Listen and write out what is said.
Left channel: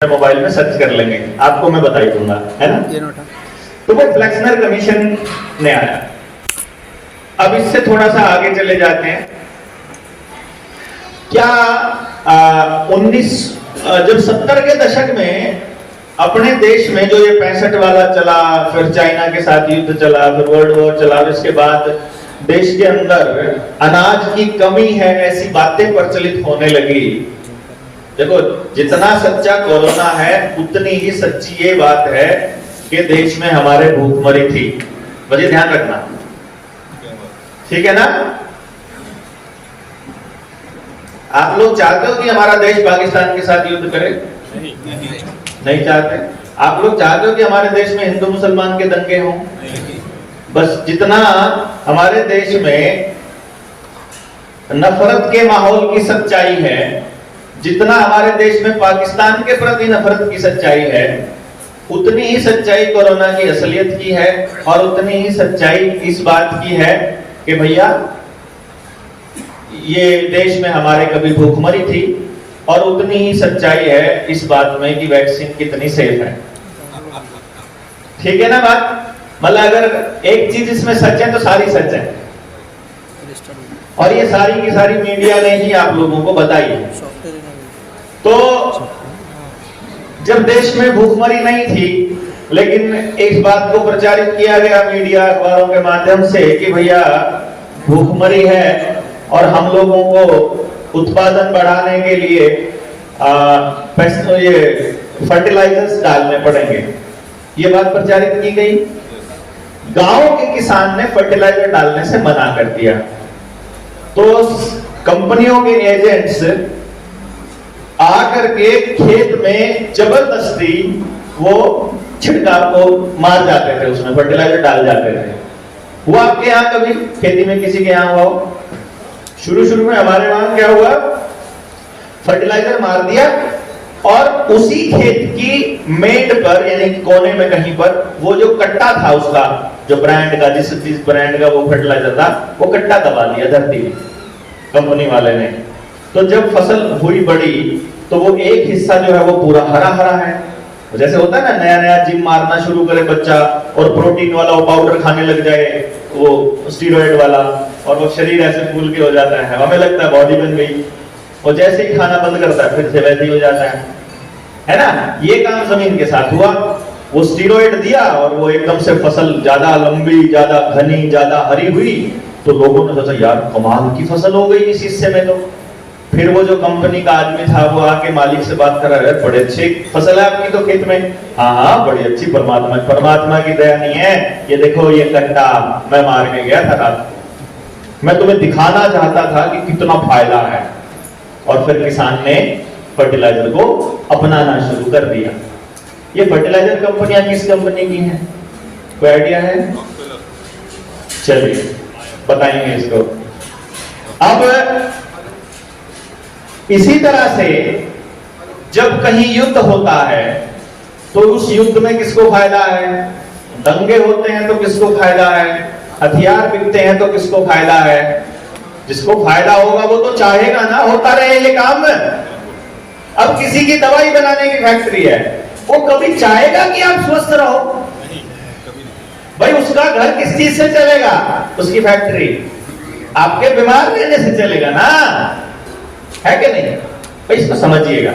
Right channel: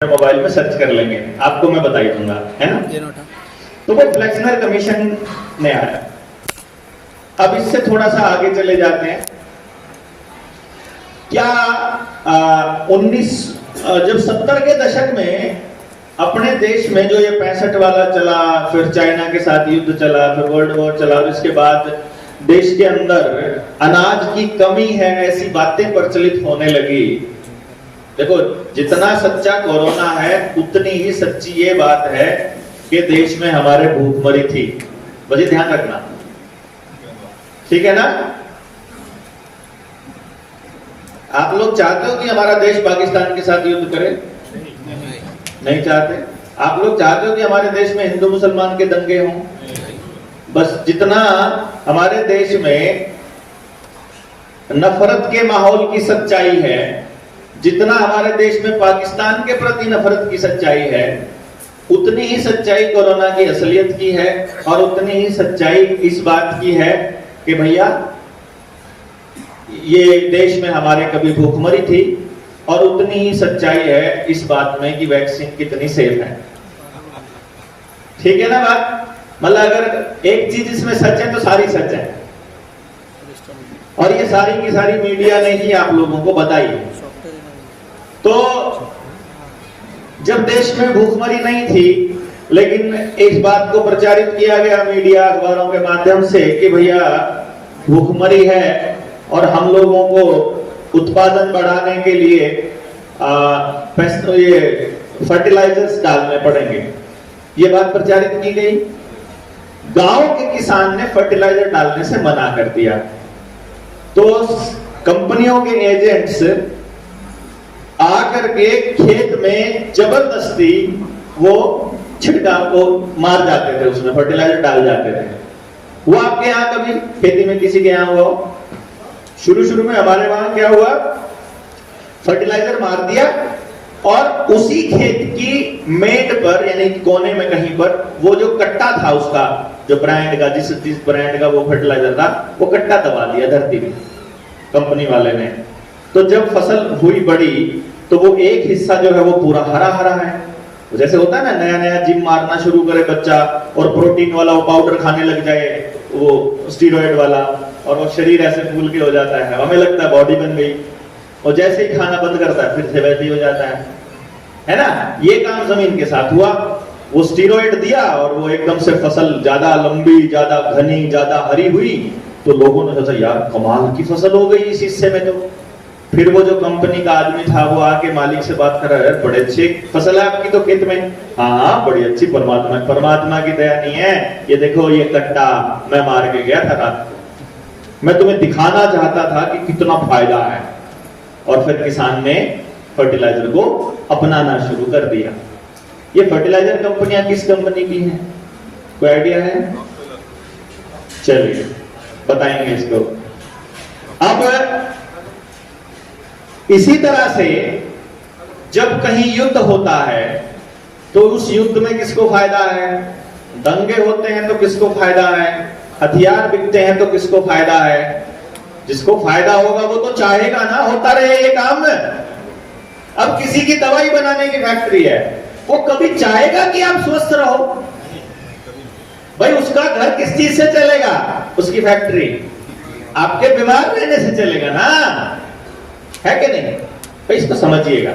Mobile में search कर लेंगे, आपको मैं बता ही दूंगा, है ना। तो वो फ्लेक्सनर कमीशन ने आया। अब इससे थोड़ा सा आगे चले जाते हैं। क्या 19 जब 70 के दशक में अपने देश में जो ये 65 वाला चला, फिर चाइना के साथ युद्ध चला, फिर वर्ल्ड वॉर चला, और इसके बाद देश के अंदर अनाज की कमी है ऐसी बातें प्रचलित होने लगी। देखो, जितना सच्चा कोरोना है उतनी ही सच्ची ये बात है कि देश में हमारे भूखमरी थी। बस ये ध्यान रखना, ठीक है ना। आप लोग चाहते हो कि हमारा देश पाकिस्तान के साथ युद्ध करे? नहीं चाहते। आप लोग चाहते हो कि हमारे देश में हिंदू मुसलमान के दंगे हों? बस जितना हमारे देश में नफरत के माहौल की सच्चाई है, जितना हमारे देश में पाकिस्तान के प्रति नफरत की सच्चाई है, उतनी ही सच्चाई कोरोना की असलियत की है, और उतनी ही सच्चाई इस बात की है कि भैया ये देश में हमारे कभी भूखमरी थी, और उतनी ही सच्चाई है इस बात में कि वैक्सीन कितनी सेफ है। ठीक है ना बात। मतलब अगर एक चीज इसमें सच है तो सारी सच है, और ये सारी की सारी मीडिया ने ही आप लोगों को बताई। तो जब देश में भूखमरी नहीं थी, लेकिन इस बात को प्रचारित किया गया मीडिया अखबारों के माध्यम से कि भैया भूखमरी है और हम लोगों को उत्पादन बढ़ाने के लिए ये फर्टिलाइजर्स डालने पड़ेंगे, ये बात प्रचारित की गई। गांव के किसान ने फर्टिलाइजर डालने से मना कर दिया, तो कंपनियों के एजेंट्स आकर के खेत में जबरदस्ती वो छिड़काव को मार जाते थे, उसमें फर्टिलाइजर डाल जाते थे। वो आपके यहाँ कभी खेती में किसी के यहाँ हुआ? शुरू में हमारे वहां क्या हुआ, फर्टिलाइजर मार दिया और उसी खेत की मेड पर यानी कोने में कहीं पर वो जो कट्टा था उसका, जो ब्रांड का, जिस ब्रांड का वो फर्टिलाइजर था, वो कट्टा दबा दिया धरती में कंपनी वाले ने। तो जब फसल हुई बड़ी तो वो एक हिस्सा जो है वो पूरा हरा हरा है। जैसे होता है ना, नया नया जिम मारना शुरू करे बच्चा और प्रोटीन वाला वो पाउडर खाने लग जाए, वो स्टीरॉइड वाला, और वो शरीर ऐसे फूल के हो जाता है, हमें लगता है बॉडी बन गई, और जैसे ही खाना बंद करता है फिर से वैसे ही हो जाता है ना। ये काम जमीन के साथ हुआ। वो स्टीरॉइड दिया और वो एकदम से फसल ज्यादा लंबी, ज्यादा घनी, ज्यादा हरी हुई, तो लोगों ने सोचा यार कमाल की फसल हो गई इस हिस्से में। तो फिर वो जो कंपनी का आदमी था वो आके मालिक से बात कर रहा है, बड़े अच्छी फसल है आपकी तो खेत में। हाँ बड़ी अच्छी, परमात्मा की दया नहीं है, ये देखो ये कट्टा मैं मार के गया था रात, मैं तुम्हें दिखाना चाहता था कि कितना फायदा है। और फिर किसान ने फर्टिलाइजर को अपनाना शुरू कर दिया। ये फर्टिलाइजर कंपनियां किस कंपनी की हैं, कोई आइडिया है? चलिए बताएंगे इसको। अब इसी तरह से जब कहीं युद्ध होता है तो उस युद्ध में किसको फायदा है? दंगे होते हैं तो किसको फायदा है? हथियार बिकते हैं तो किसको फायदा है? जिसको फायदा होगा वो तो चाहेगा ना होता रहे ये काम। अब किसी की दवाई बनाने की फैक्ट्री है, वो कभी चाहेगा कि आप स्वस्थ रहो? भाई उसका घर किस चीज से चलेगा? उसकी फैक्ट्री आपके बीमार रहने से चलेगा ना, है कि नहीं? भाई इसको समझिएगा।